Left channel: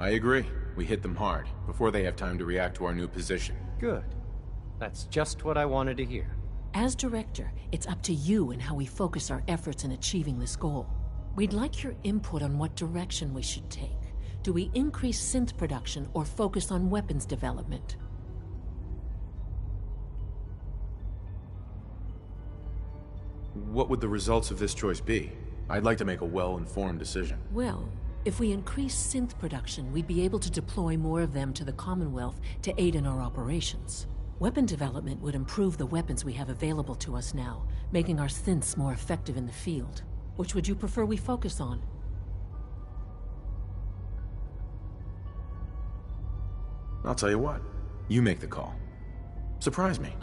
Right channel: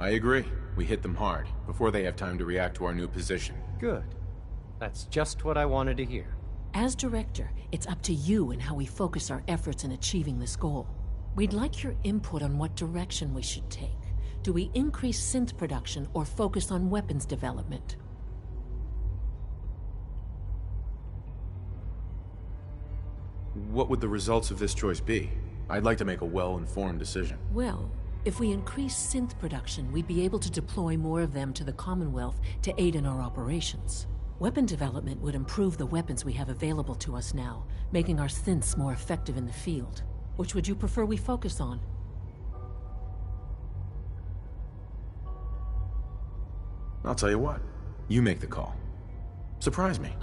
I agree. We hit them hard, before they have time to react to our new position. Good. That's just what I wanted to hear. As director, it's up to you and how we focus our efforts in achieving this goal. We'd like your input on what direction we should take. Do we increase synth production or focus on weapons development? What would the results of this choice be? I'd like to make a well-informed decision. Well, if we increase synth production, we'd be able to deploy more of them to the Commonwealth to aid in our operations. Weapon development would improve the weapons we have available to us now, making our synths more effective in the field. Which would you prefer we focus on? I'll tell you what. You make the call. Surprise me.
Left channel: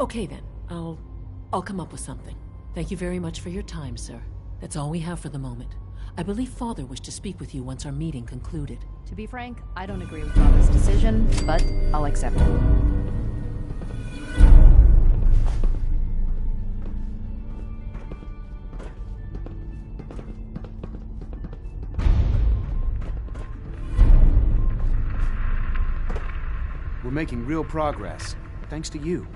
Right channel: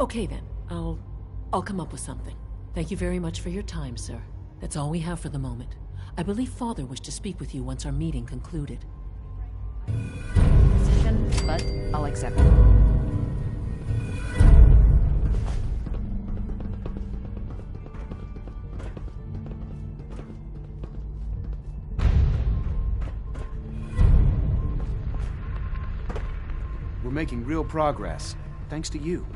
Okay then. I'll come up with something. Thank you very much for your time, sir. That's all we have for the moment. I believe Father wished to speak with you once our meeting concluded. To be frank, I don't agree with Father's decision, but I'll accept it. We're making real progress, thanks to you.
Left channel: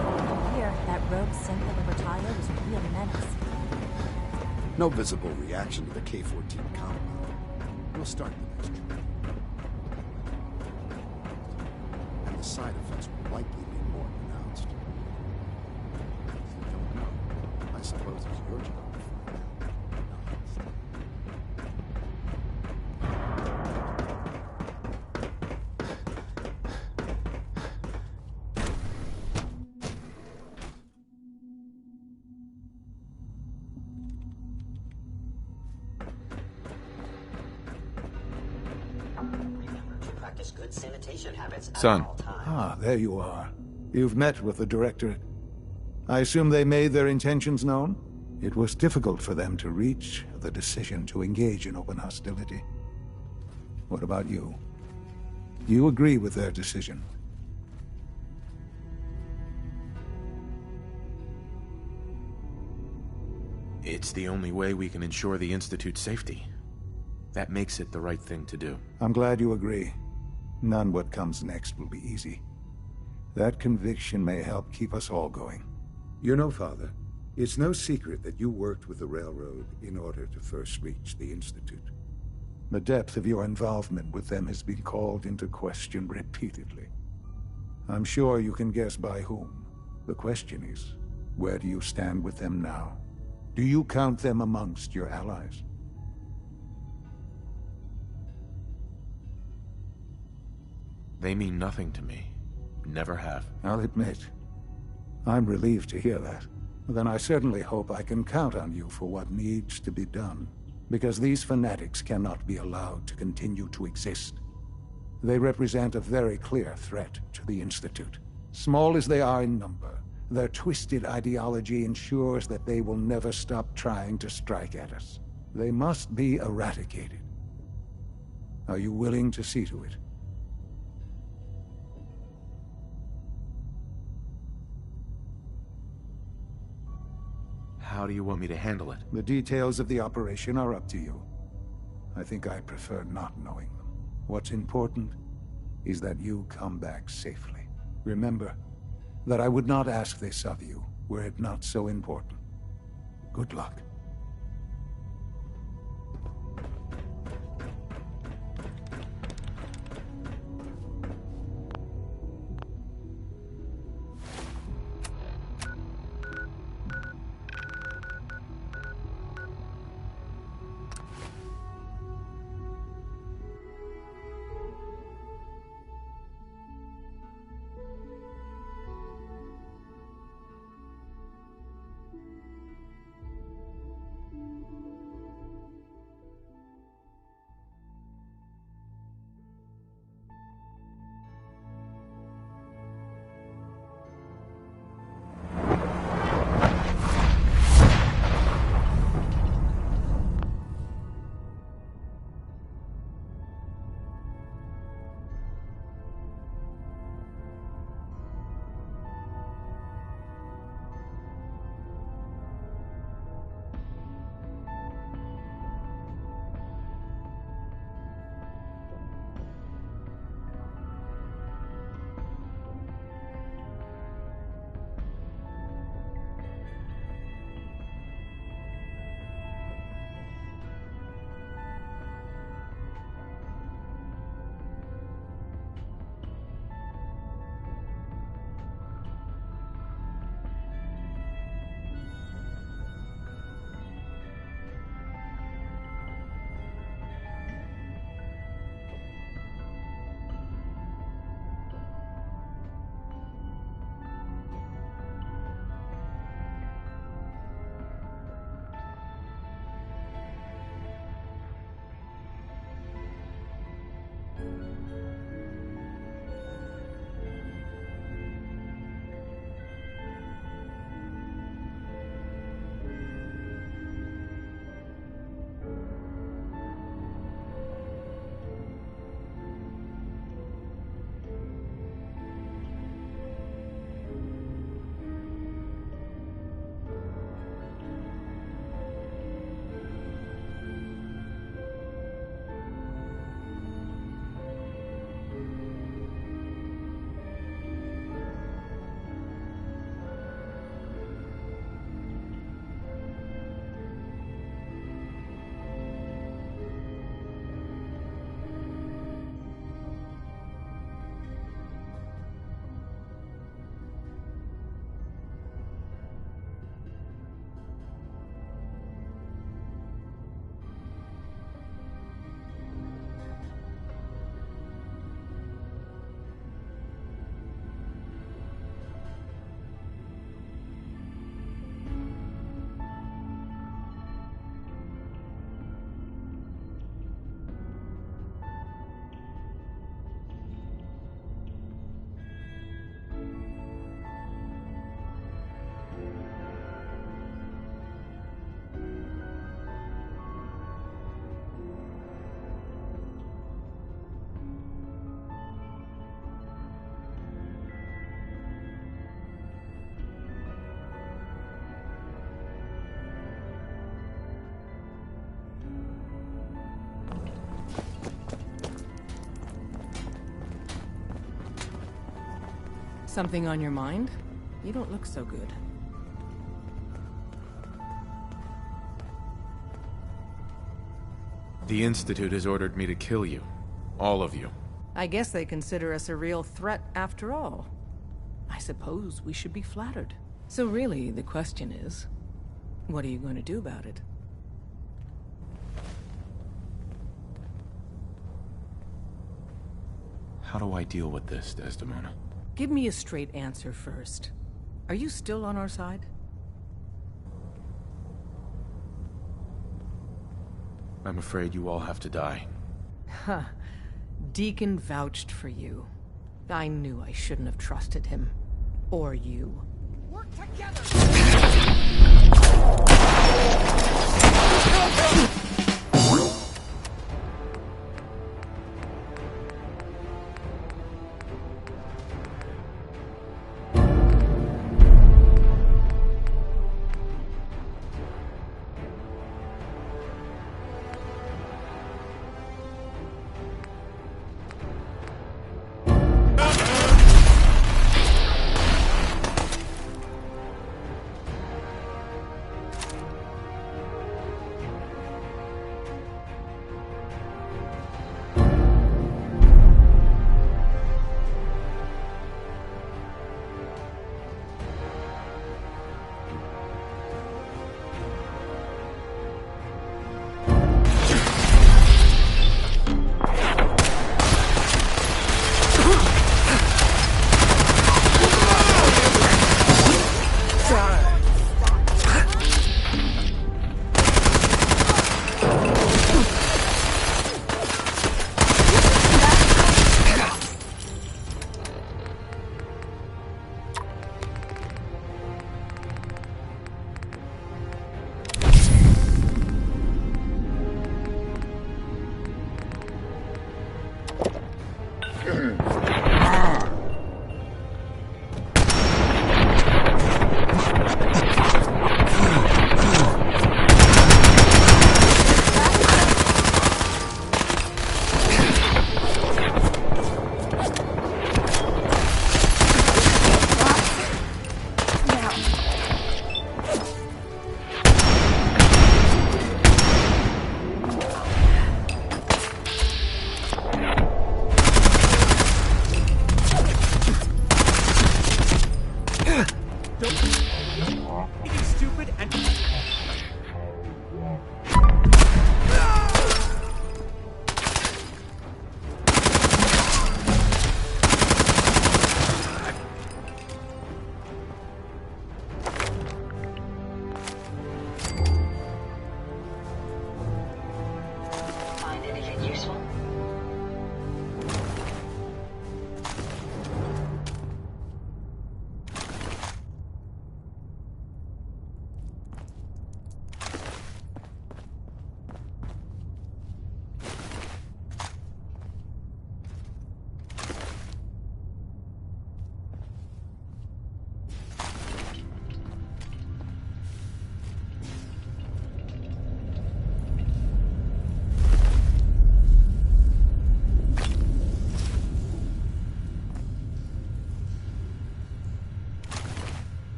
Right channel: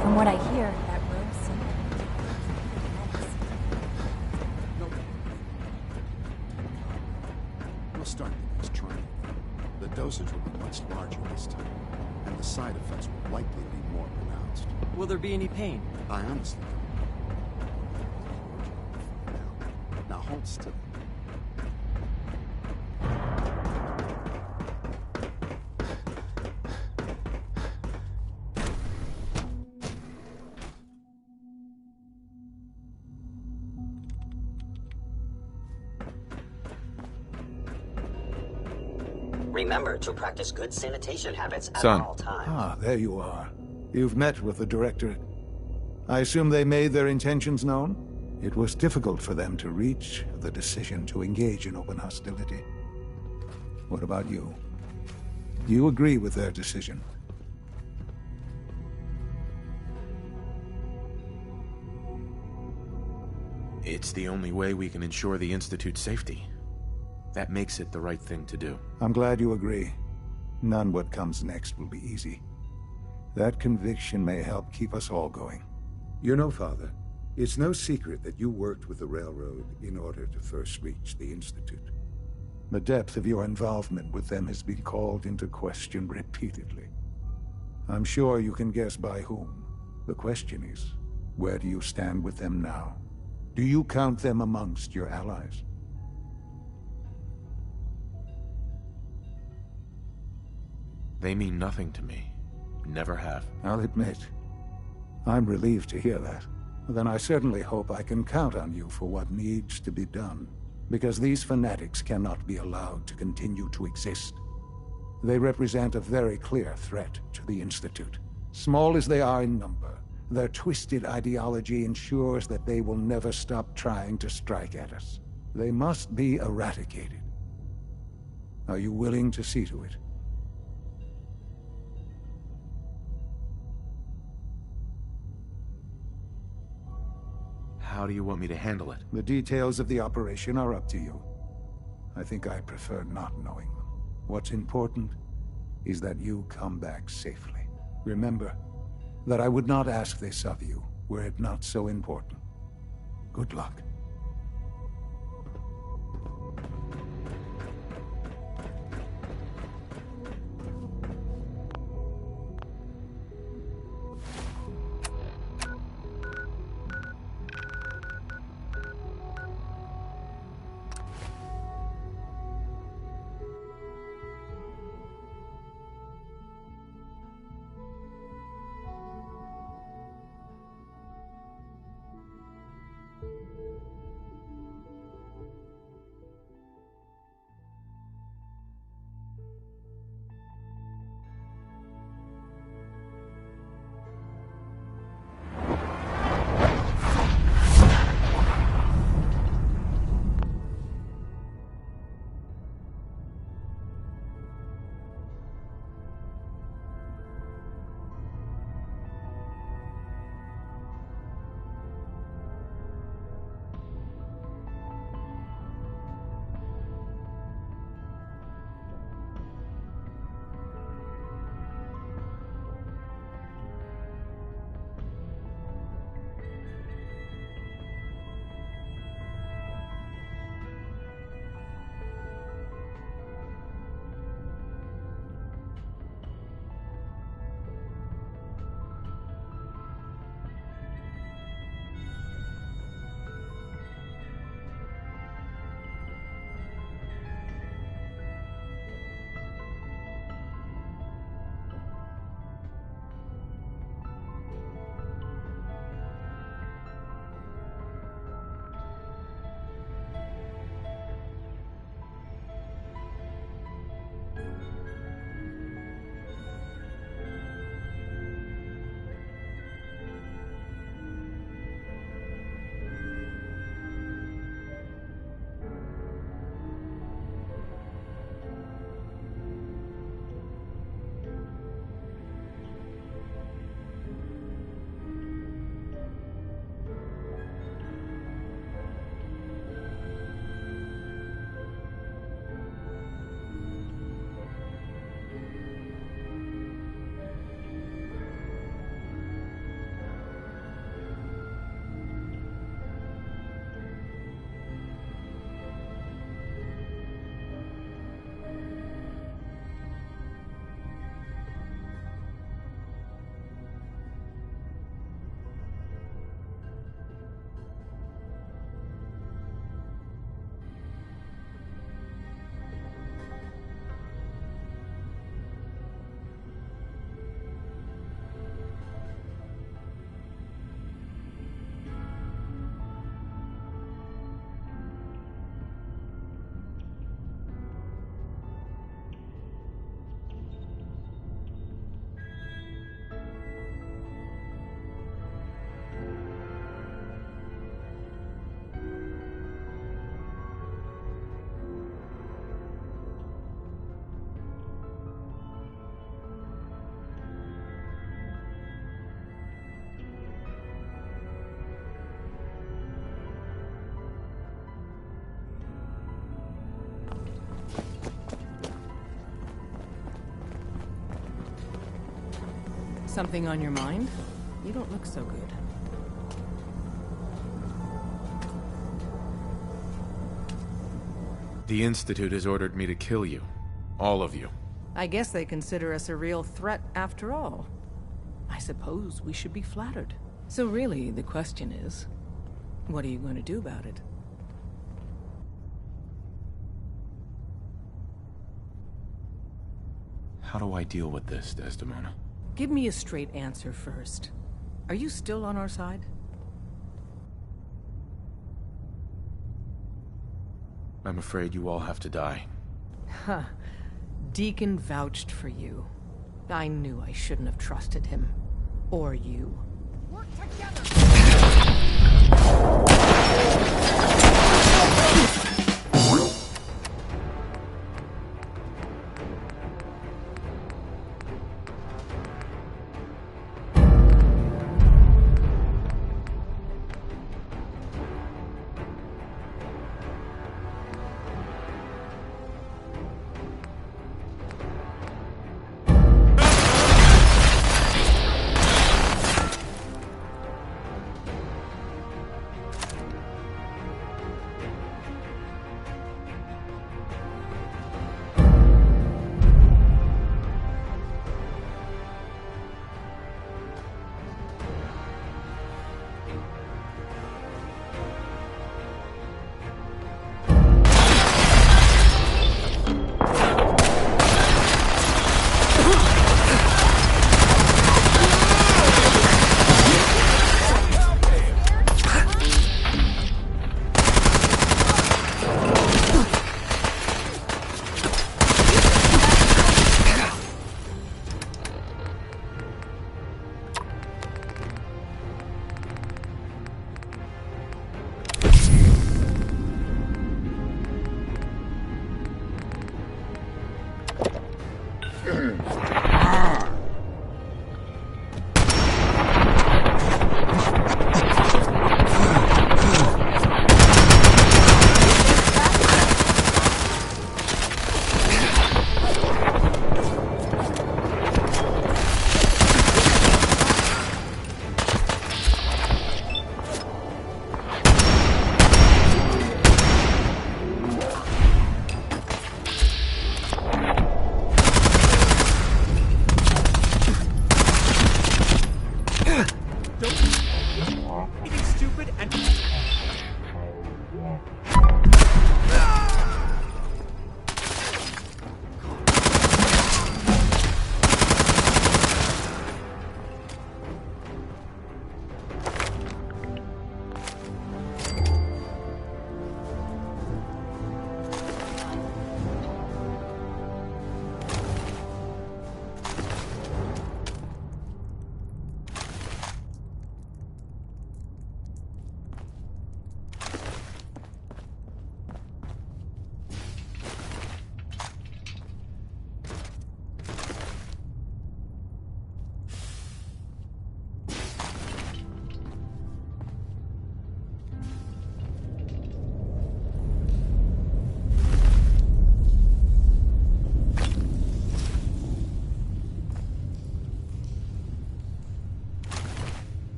From what I hear, that rogue synth that over Tyler was a real menace. No visible reaction to the K-14 compound. We'll start the next trial. The dosage will be much larger this time, and the side effects will likely be more pronounced. Will there be any pain? I honestly don't know. I suppose it's your job to find out. Now hold still. Remember to practice good sanitation habits at Son. all times. Ah, there you are. You've met with the Directorate. I assume they made their intentions known? It was difficult for them to reach the decision to engage in open hostility. What about you? Do you agree with their decision? It's the only way we can ensure the Institute's safety. That makes it the right thing to do. I'm glad you agree. None what comes next will be easy. That conviction may help keep us all going. You know, Father, it's no secret that you worked with the Railroad in order to first reach the Institute. The depth of your involvement with them has been called into question repeatedly. I'm sure you can guess by whom. The question is, where do you stand with them now? Do you count them amongst your allies? They mean nothing to me. Never have. I'll admit, I'm relieved to hear that. Then I certainly hope I can count on you for what needs to be done, because these fanatics cannot be allowed to continue to exist. They represent a very clear threat to the Institute. Small as they are in number, their twisted ideology ensures that they will never stop trying to strike at us. They must be eradicated. Are you willing to see to it? How do you want me to handle it? The details of the operation are up to you. I think I prefer not knowing them. What's important is that you come back safely. Remember that I would not ask this of you were it not so important. Good luck. Something on your mind? You don't look so good. The Institute has ordered me to kill you. All of you. I guess they consider us a real threat after all. I suppose we should be flattered. So really, the question is, what are you going to do about it? How do I deal with this, Desdemona? Give me a straight answer first. Are you still on our side? I'm afraid you all have to die. Huh. Deacon vouched for you. I knew I shouldn't have trusted him. Or you. Work together!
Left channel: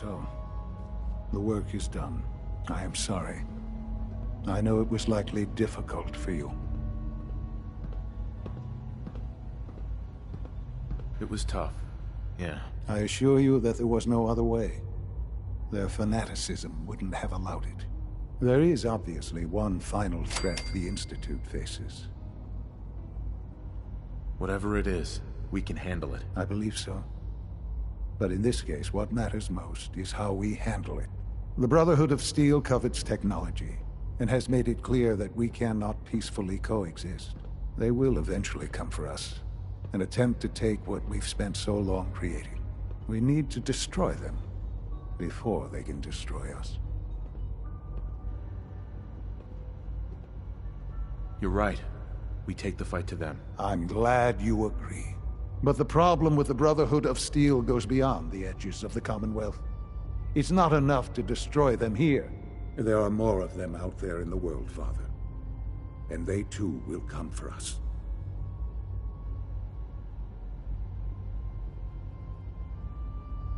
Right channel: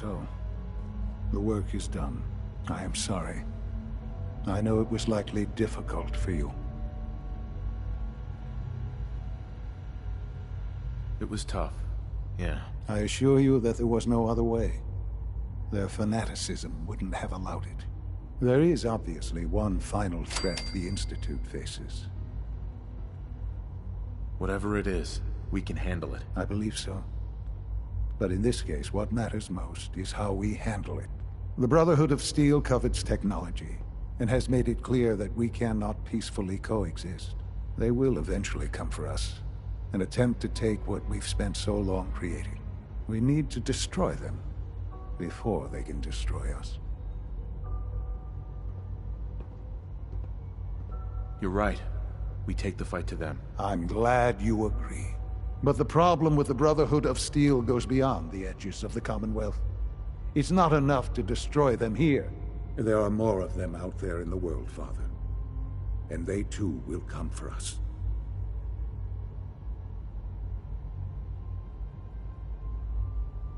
so. The work is done. I am sorry. I know it was likely difficult for you. It was tough, yeah. I assure you that there was no other way. Their fanaticism wouldn't have allowed it. There is obviously one final threat the Institute faces. Whatever it is, we can handle it. I believe so. But in this case, what matters most is how we handle it. The Brotherhood of Steel covets technology, and has made it clear that we cannot peacefully coexist. They will eventually come for us, and attempt to take what we've spent so long creating. We need to destroy them before they can destroy us. You're right. We take the fight to them. I'm glad you agree. But the problem with the Brotherhood of Steel goes beyond the edges of the Commonwealth. It's not enough to destroy them here. There are more of them out there in the world, Father. And they too will come for us.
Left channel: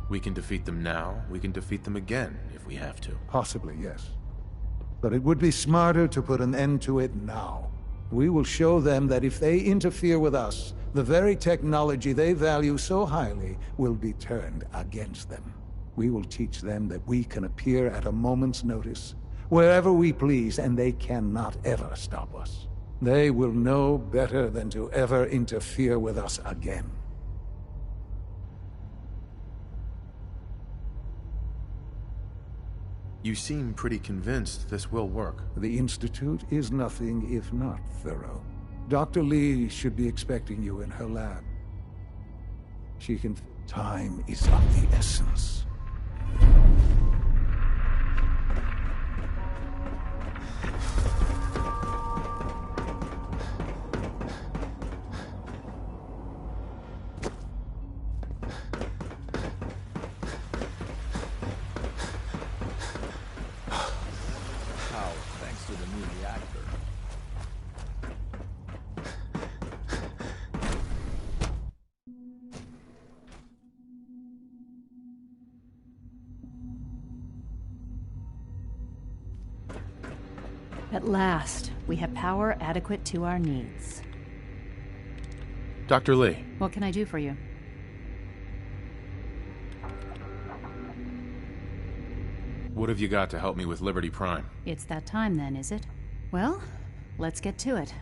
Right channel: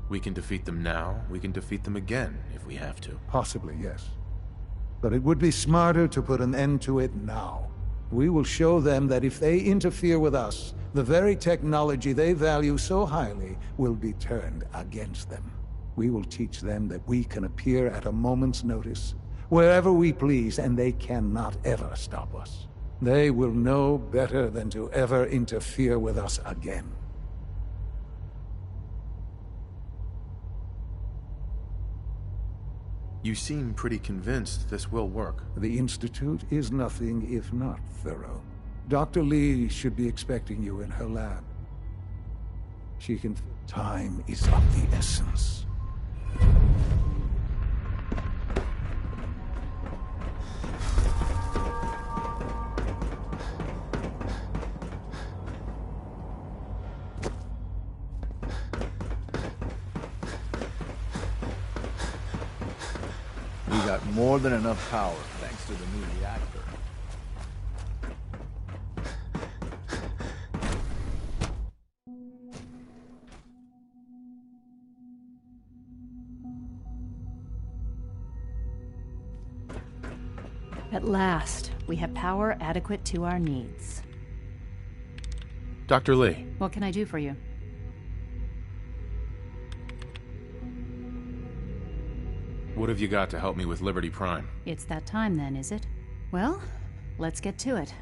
We can defeat them now, we can defeat them again, if we have to. Possibly, yes. But it would be smarter to put an end to it now. We will show them that if they interfere with us, the very technology they value so highly will be turned against them. We will teach them that we can appear at a moment's notice, wherever we please, and they cannot ever stop us. They will know better than to ever interfere with us again. You seem pretty convinced this will work. The Institute is nothing if not thorough. Dr. Lee should be expecting you in her lab. She can... Time is of the essence. More than enough power, thanks to the new reactor. At last, we have power adequate to our needs. Dr. Lee. What can I do for you? What have you got to help me with Liberty Prime? It's that time then, is it? Well, let's get to it.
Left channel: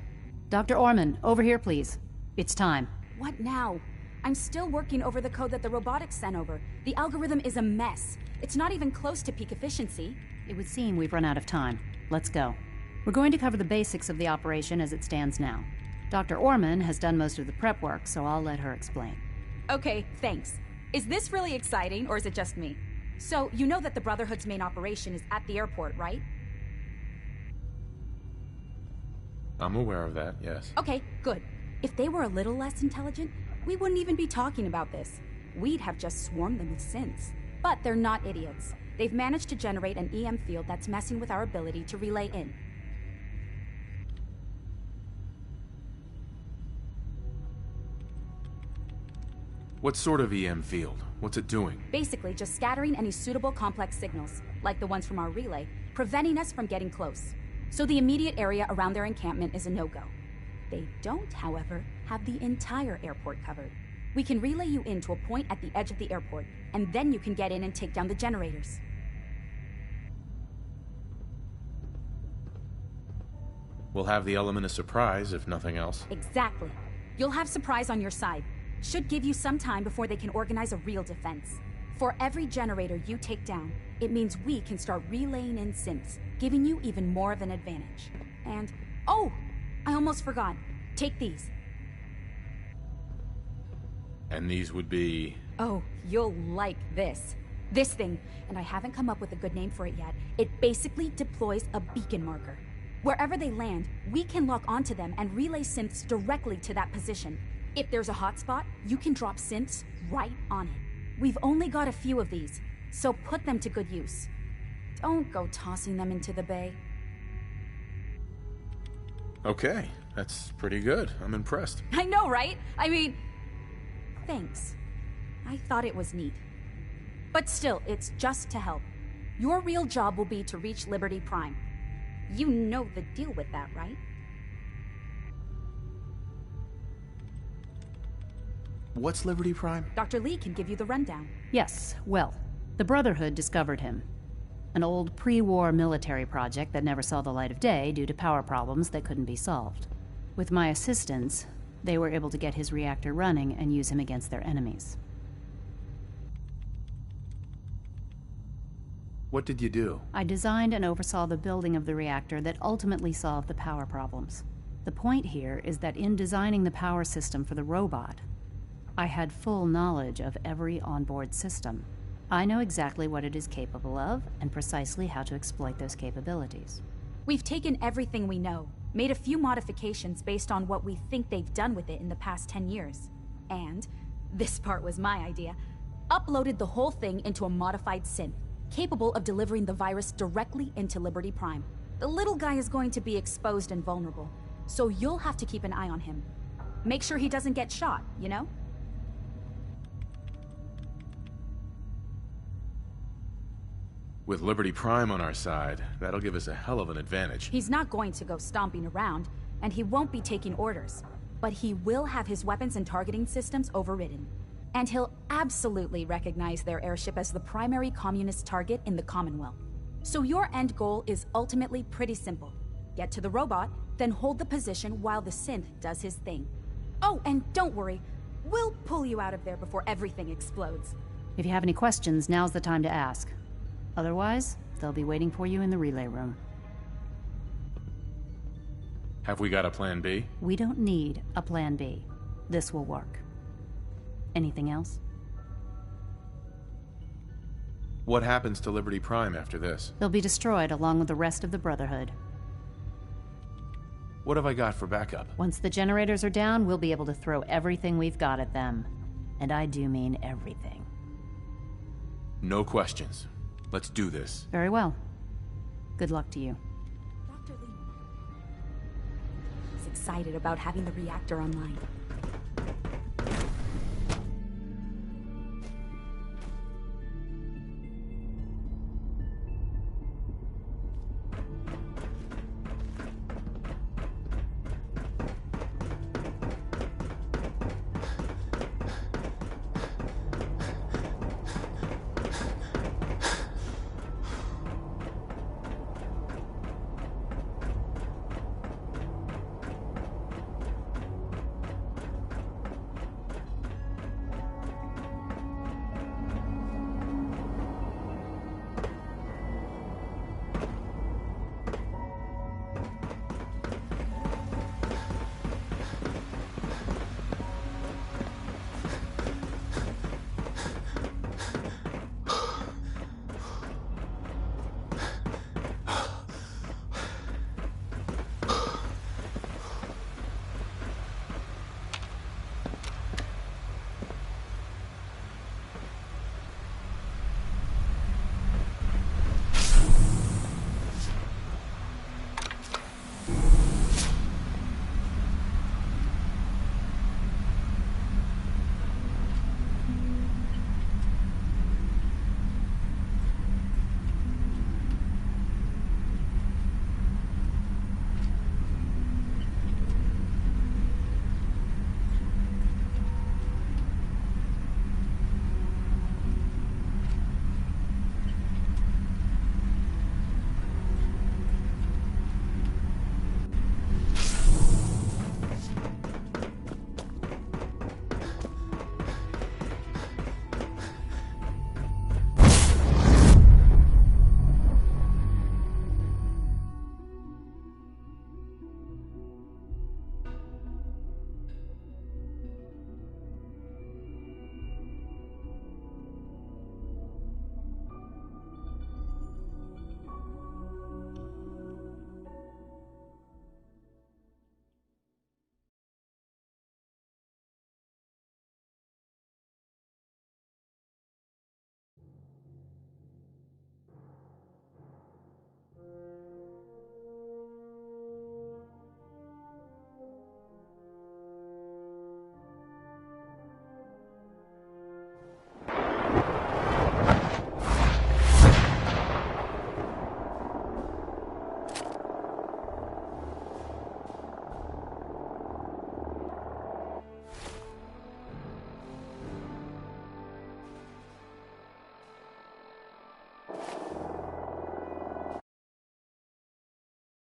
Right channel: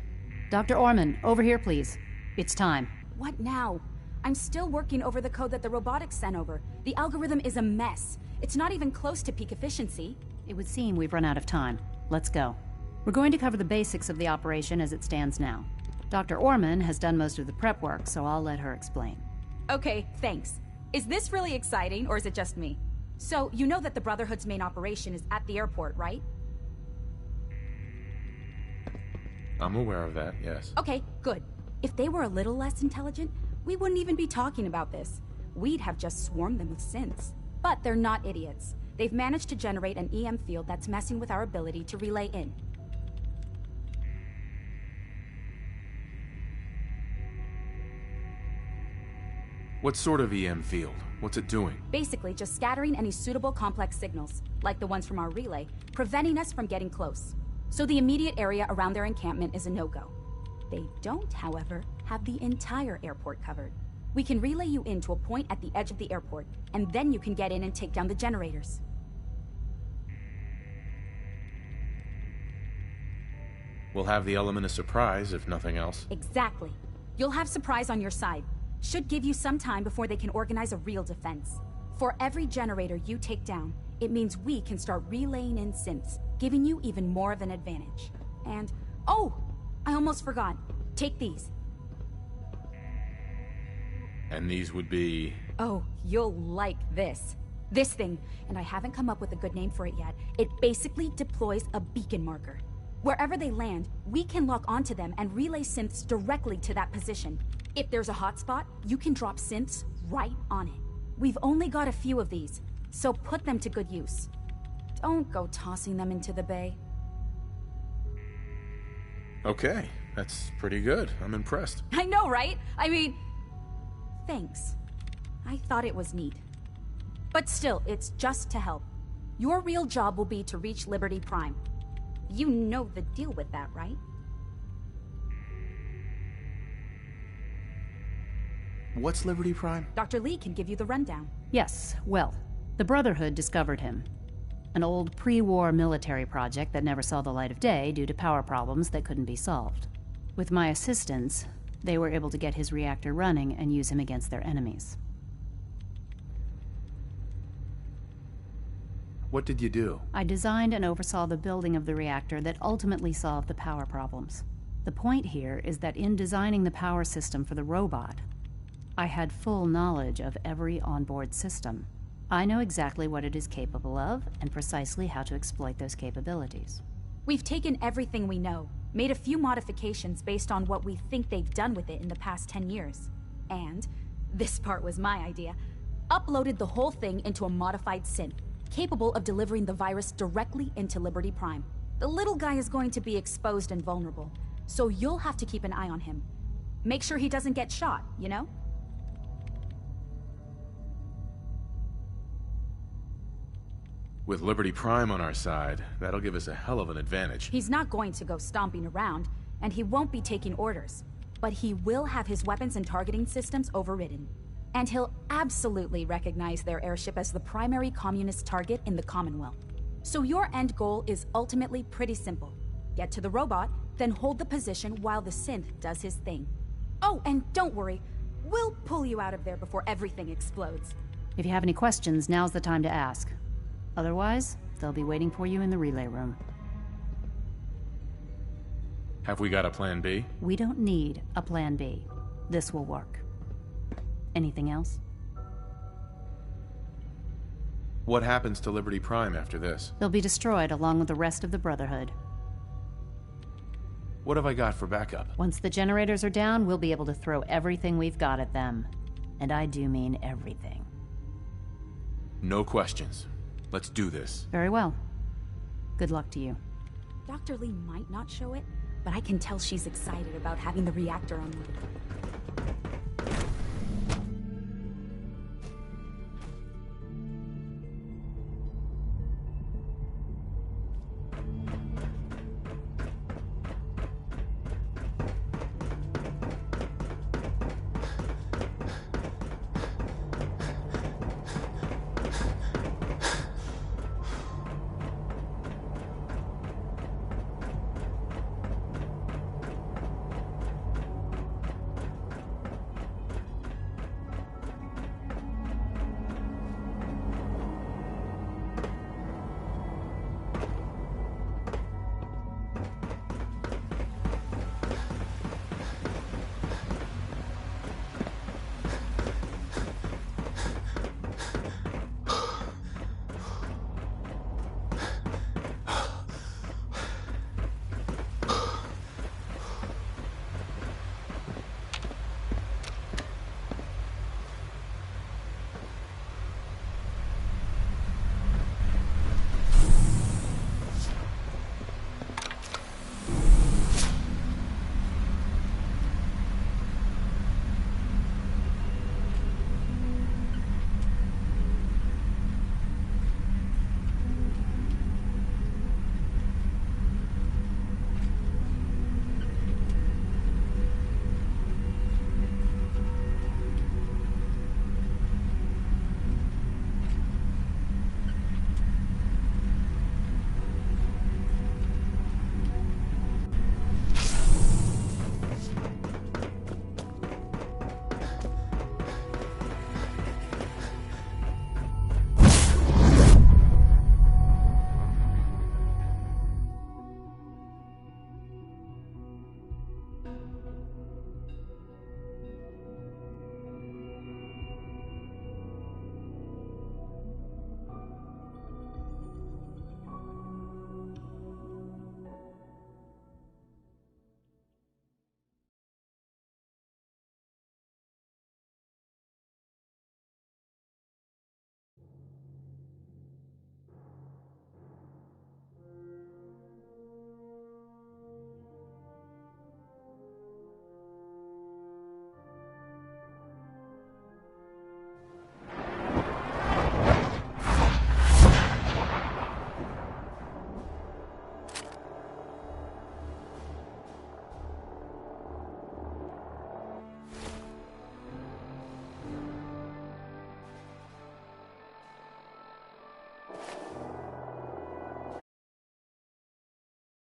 Dr. Orman, over here, please. It's time. What now? I'm still working over the code that the robotics sent over. The algorithm is a mess. It's not even close to peak efficiency. It would seem we've run out of time. Let's go. We're going to cover the basics of the operation as it stands now. Dr. Orman has done most of the prep work, so I'll let her explain. Okay, thanks. Is this really exciting, or is it just me? So, you know that the Brotherhood's main operation is at the airport, right? I'm aware of that, yes. Okay, good. If they were a little less intelligent, we wouldn't even be talking about this. We'd have just swarmed them with synths. But they're not idiots. They've managed to generate an EM field that's messing with our ability to relay in. What sort of EM field? What's it doing? Basically, just scattering any suitable complex signals, like the ones from our relay, preventing us from getting close. So the immediate area around their encampment is a no-go. They don't, however, have the entire airport covered. We can relay you in to a point at the edge of the airport, and then you can get in and take down the generators. We'll have the element of surprise, if nothing else. Exactly. You'll have surprise on your side. Should give you some time before they can organize a real defense. For every generator you take down, it means we can start relaying in synths, giving you even more of an advantage. And, oh! I almost forgot. Take these. And these would be... Oh, you'll like this. This thing, and I haven't come up with a good name for it yet, it basically deploys a beacon marker. Wherever they land, we can lock onto them and relay synths directly to that position. If there's a hotspot, you can drop synths right on it. We've only got a few of these, so put them to good use. Don't go tossing them into the bay. Okay, that's pretty good. I'm impressed. I know, right? I mean, thanks. I thought it was neat. But still, it's just to help. Your real job will be to reach Liberty Prime. You know the deal with that, right? What's Liberty Prime? Dr. Lee can give you the rundown. Yes, well, the Brotherhood discovered him. An old pre-war military project that never saw the light of day due to power problems that couldn't be solved. With my assistance, they were able to get his reactor running and use him against their enemies. What did you do? I designed and oversaw the building of the reactor that ultimately solved the power problems. The point here is that in designing the power system for the robot, I had full knowledge of every onboard system. I know exactly what it is capable of and precisely how to exploit those capabilities. We've taken everything we know, made a few modifications based on what we think they've done with it in the past 10 years. And, this part was my idea, uploaded the whole thing into a modified synth, capable of delivering the virus directly into Liberty Prime. The little guy is going to be exposed and vulnerable, so you'll have to keep an eye on him. Make sure he doesn't get shot, you know? With Liberty Prime on our side, that'll give us a hell of an advantage. He's not going to go stomping around, and he won't be taking orders. But he will have his weapons and targeting systems overridden. And he'll absolutely recognize their airship as the primary communist target in the Commonwealth. So your end goal is ultimately pretty simple. Get to the robot, then hold the position while the synth does his thing. Oh, and don't worry, we'll pull you out of there before everything explodes. If you have any questions, now's the time to ask. Otherwise, they'll be waiting for you in the relay room. Have we got a plan B? We don't need a plan B. This will work. Anything else? What happens to Liberty Prime after this? They'll be destroyed along with the rest of the Brotherhood. What have I got for backup? Once the generators are down, we'll be able to throw everything we've got at them. And I do mean everything. No questions. Let's do this. Very well. Good luck to you. Dr. Lee might not show it, but I can tell she's excited about having the reactor online.